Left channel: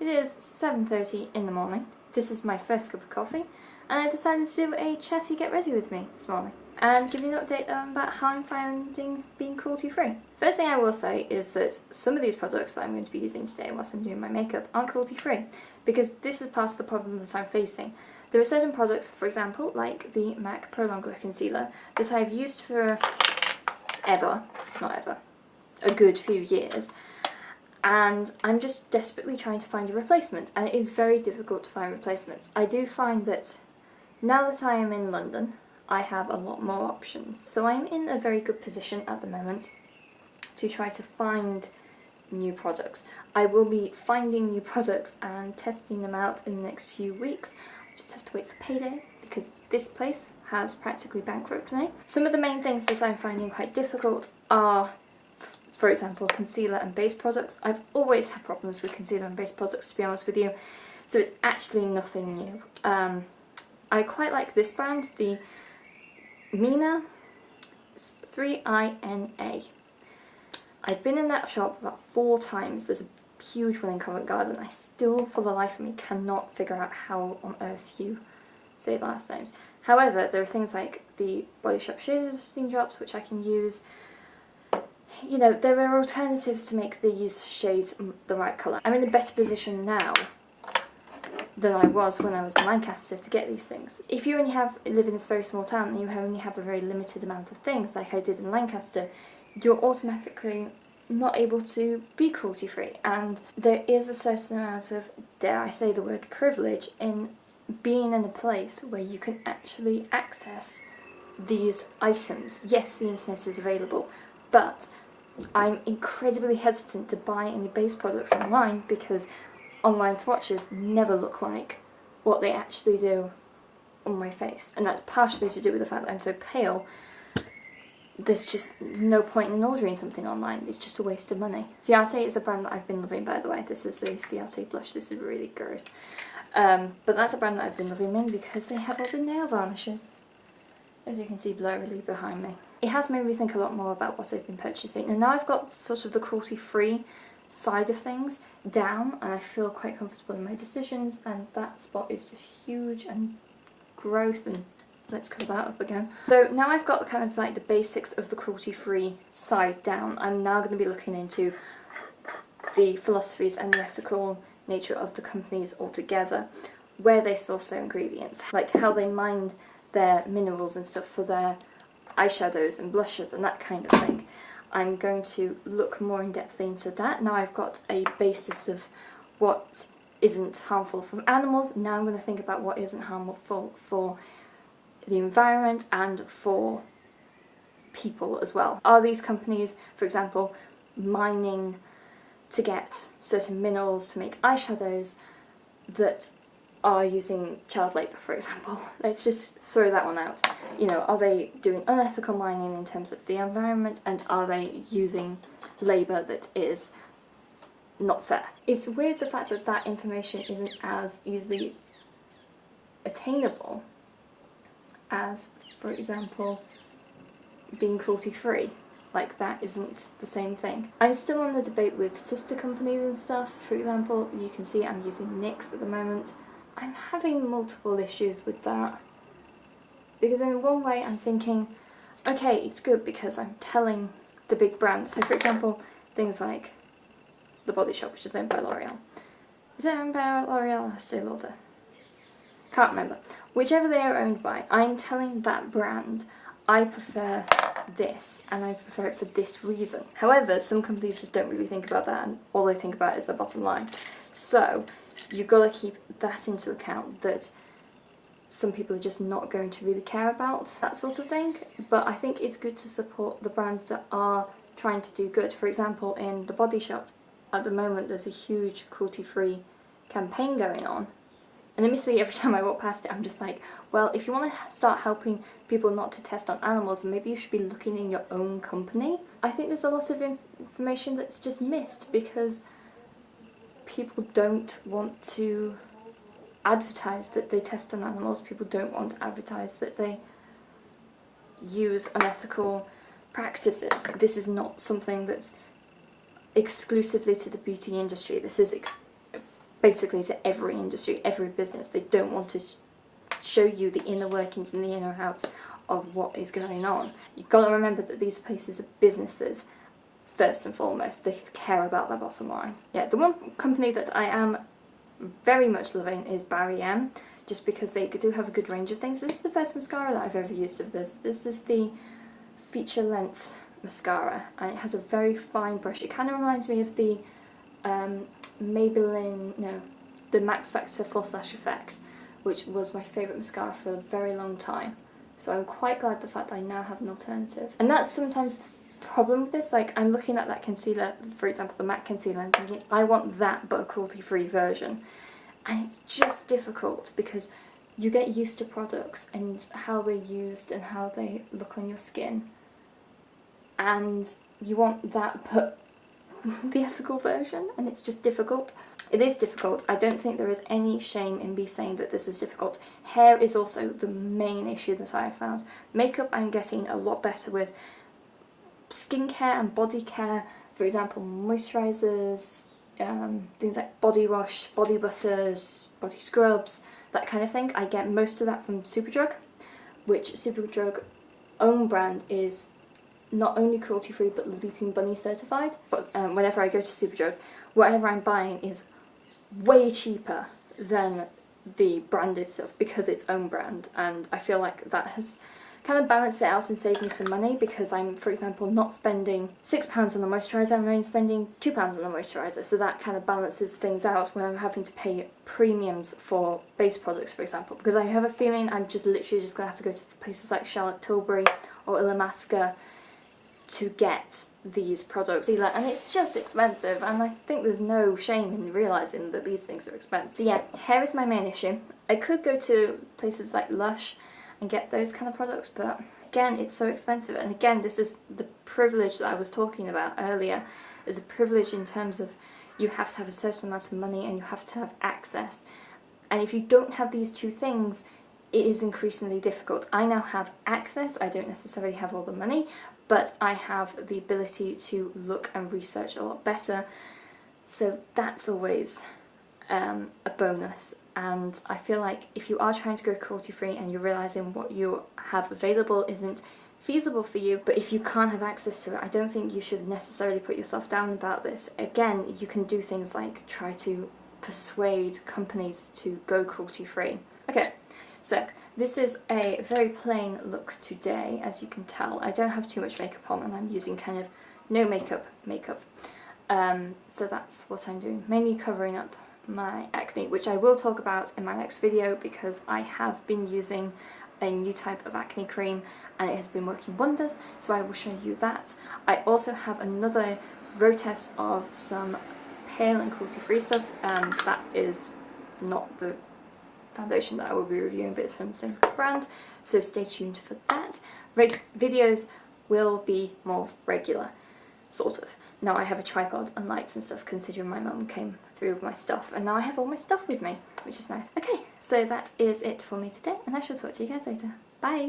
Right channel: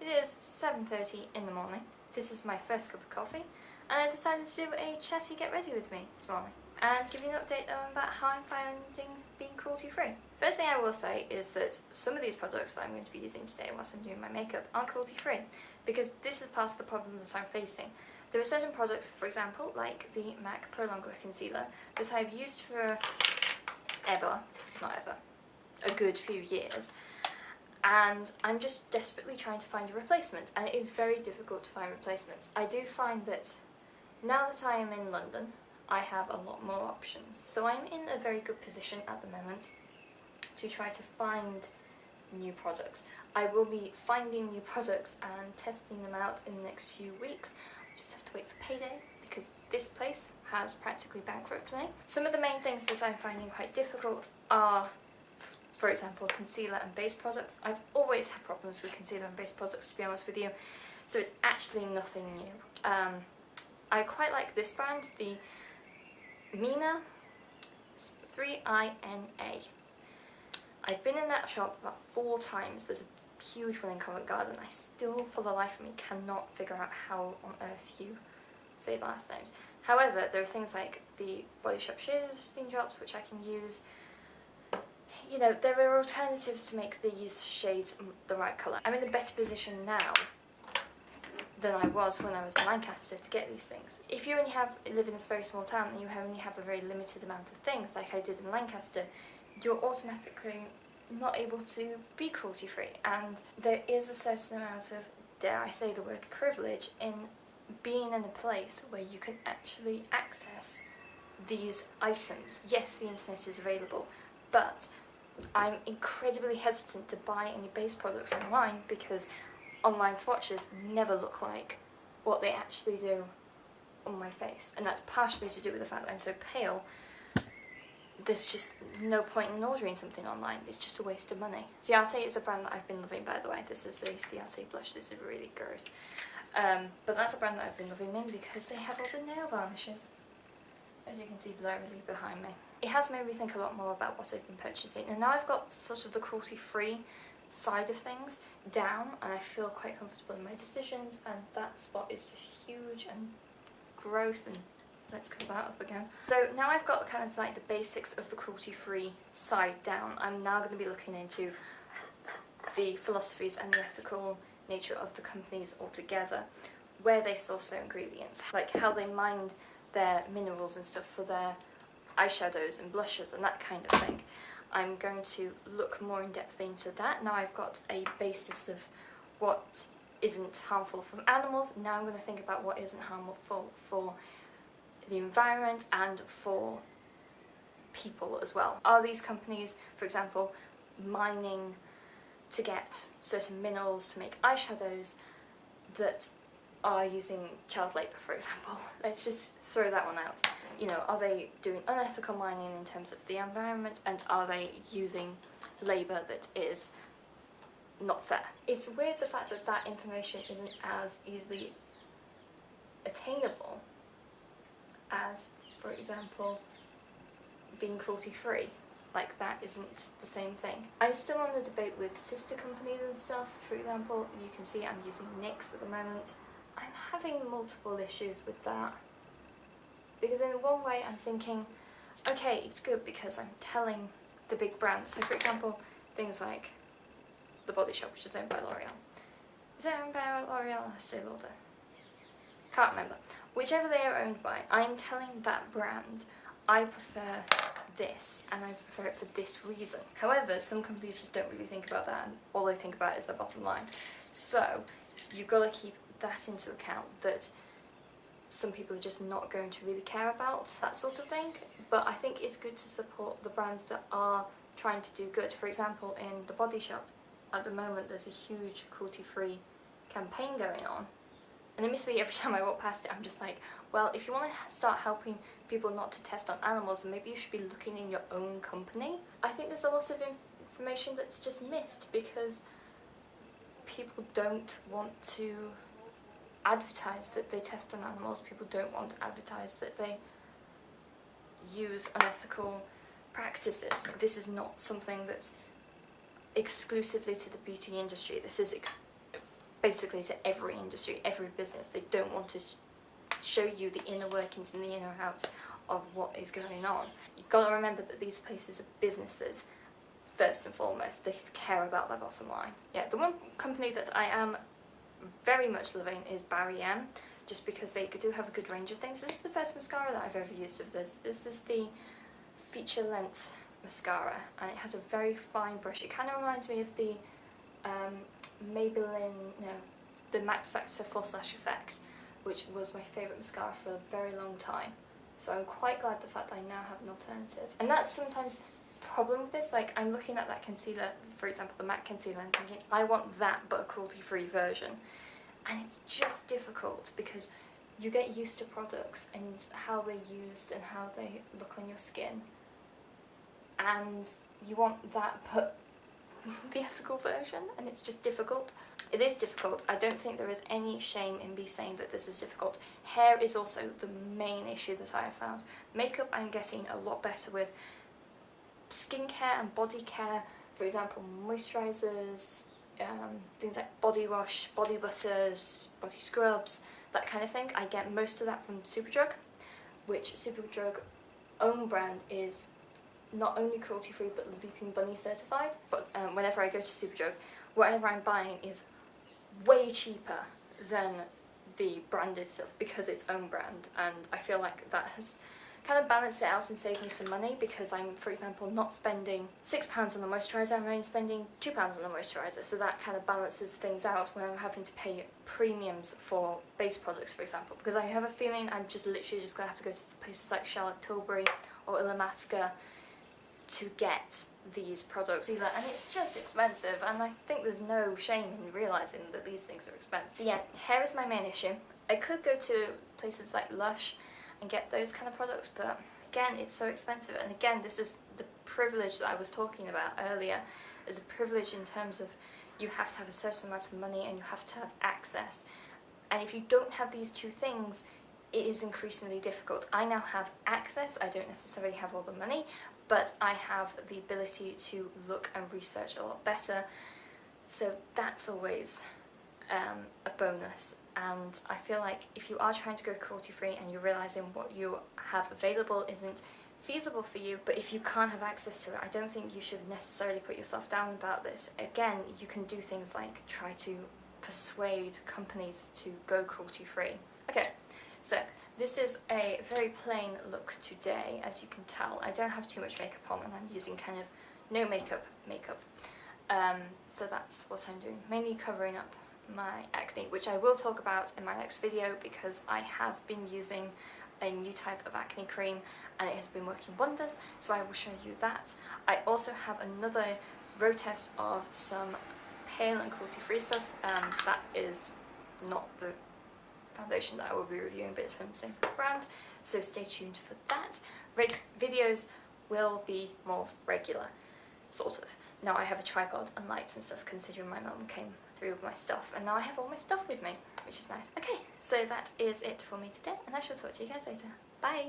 It is 7:30 in the morning. This is my first cup of coffee, and I decided to do a chatty get ready with me this morning and give you an update about how I'm finding being cruelty-free. First thing I will say is that some of these products that I'm going to be using today whilst I'm doing my makeup aren't cruelty-free, because this is part of the problem that I'm facing. There are certain products, for example, like the MAC Pro Longwear Concealer, that I've used for a good few years, and I'm just desperately trying to find a replacement, and it is very difficult to find replacements. I do find that now that I am in London, I have a lot more options. So I'm in a very good position at the moment to try to find new products. I will be finding new products and testing them out in the next few weeks. I just have to wait for payday because this place has practically bankrupted me. Some of the main things that I'm finding quite difficult are, for example, concealer and base products. I've always had problems with concealer and base products, to be honest with you, so it's actually nothing new. I quite like this brand, the Mina, 3INA. I've been in that shop about 4 times. There's a huge one in Covent Garden. I still, for the life of me, cannot figure out how on earth you say the last names. However, there are things like the Body Shop Shade Adjusting Drops, which I can use. You know, there are alternatives to make these shades the right colour. I'm in a better position now than I was when I was in Lancaster to get these things. If you only live in this very small town and you only have a very limited amount of things, like I did in Lancaster, you're automatically not able to be cruelty-free. And there is a certain amount of, dare I say the word, privilege in being in a place where you can actually access these items. Yes, the internet is available, but I'm incredibly hesitant to buy any base products online because online swatches never look like what they actually do on my face. And that's partially to do with the fact that I'm so pale. There's just no point in ordering something online. It's just a waste of money. Ciate is a brand that I've been loving, by the way. This is a Ciate blush. This is really gross. But that's a brand that I've been loving mainly because they have all the nail varnishes, as you can see blurrily behind me. It has made me think a lot more about what I've been purchasing. And now I've got sort of the cruelty-free side of things down, and I feel quite comfortable in my decisions, and that spot is just huge and gross, and let's cover that up again. So now I've got kind of like the basics of the cruelty-free side down, I'm now going to be looking into the philosophies and the ethical nature of the companies altogether, where they source their ingredients, like how they mine their minerals and stuff for their eyeshadows and blushes and that kind of thing. I'm going to look more in depth into that. Now I've got a basis of what isn't harmful for animals. Now I'm going to think about what isn't harmful for the environment and for people as well. Are these companies, for example, mining to get certain minerals to make eyeshadows that are using child labour, for example? Let's just throw that one out. You know, are they doing unethical mining in terms of the environment, and are they using labour that is not fair? It's weird the fact that that information isn't as easily attainable as, for example, being cruelty-free. Like, that isn't the same thing. I'm still on the debate with sister companies and stuff. For example, you can see I'm using NYX at the moment. I'm having multiple issues with that, because in one way I'm thinking, okay, it's good because I'm telling the big brands. So for example, things like the Body Shop, which is owned by L'Oreal. Is it owned by L'Oreal or Estee Lauder? Can't remember. Whichever they are owned by, I'm telling that brand, I prefer this, and I prefer it for this reason. However, some companies just don't really think about that, and all they think about is their bottom line. So you've got to keep that into account, that some people are just not going to really care about that sort of thing. But I think it's good to support the brands that are trying to do good. For example, in the Body Shop, at the moment there's a huge cruelty-free campaign going on. And admittedly, every time I walk past it, I'm just like, well, if you want to start helping people not to test on animals, then maybe you should be looking in your own company. I think there's a lot of information that's just missed because people don't want to advertise that they test on animals. People don't want to advertise that they use unethical practices. This is not something that's exclusively to the beauty industry. This is basically to every industry, every business. They don't want to show you the inner workings and the inner outs of what is going on. You've got to remember that these places are businesses first and foremost. They care about their bottom line. Yeah, the one company that I am very much loving is Barry M, just because they do have a good range of things. This is the first mascara that I've ever used of this. This is the feature length mascara, and it has a very fine brush. It kind of reminds me of the Maybelline, no, the Max Factor Full Lash Effects, which was my favourite mascara for a very long time. So I'm quite glad the fact that I now have an alternative. And that's sometimes the problem with this. Like, I'm looking at that concealer, for example the matte concealer, and thinking I want that but a cruelty-free version. And it's just difficult because you get used to products and how they're used and how they look on your skin. And you want that but the ethical version, and it's just difficult. It is difficult. I don't think there is any shame in me saying that this is difficult. Hair is also the main issue that I have found. Makeup I'm getting a lot better with. Skincare and body care, for example moisturisers, things like body wash, body butters, body scrubs, that kind of thing. I get most of that from Superdrug, which Superdrug own brand is not only cruelty-free but Leaping Bunny certified. But whenever I go to Superdrug, whatever I'm buying is way cheaper than the branded stuff because it's own brand, and I feel like that has kind of balanced it out and saved me some money, because I'm, for example, not spending £6 on the moisturiser, I'm only spending £2 on the moisturiser, so that kind of balances things out when I'm having to pay premiums for base products, for example, because I have a feeling I'm just literally just going to have to go to places like Charlotte Tilbury or Illamasqua to get these products, and it's just expensive, and I think there's no shame in realising that these things are expensive. So yeah, hair is my main issue. I could go to places like Lush and get those kind of products, but again, it's so expensive. And again, this is the privilege that I was talking about earlier. There's a privilege in terms of you have to have a certain amount of money and you have to have access. And if you don't have these two things, it is increasingly difficult. I now have access, I don't necessarily have all the money, but I have the ability to look and research a lot better. So that's always a bonus. And I feel like if you are trying to go cruelty-free and you're realising what you have available isn't feasible for you, but if you can't have access to it, I don't think you should necessarily put yourself down about this. Again, you can do things like try to persuade companies to go cruelty-free. Okay, so this is a very plain look today, as you can tell. I don't have too much makeup on and I'm using kind of no makeup. So that's what I'm doing, mainly covering up my acne, which I will talk about in my next video because I have been using a new type of acne cream and it has been working wonders, so I will show you that. I also have another road test of some pale and cruelty-free stuff. That is not the foundation that I will be reviewing, but it's from the same brand, so stay tuned for that. Videos will be more regular, sort of. Now I have a tripod and lights and stuff, considering my mum came through with my stuff, and now I have all my stuff with me, which is nice. Okay, so that is it for me today, and I shall talk to you guys later. Bye!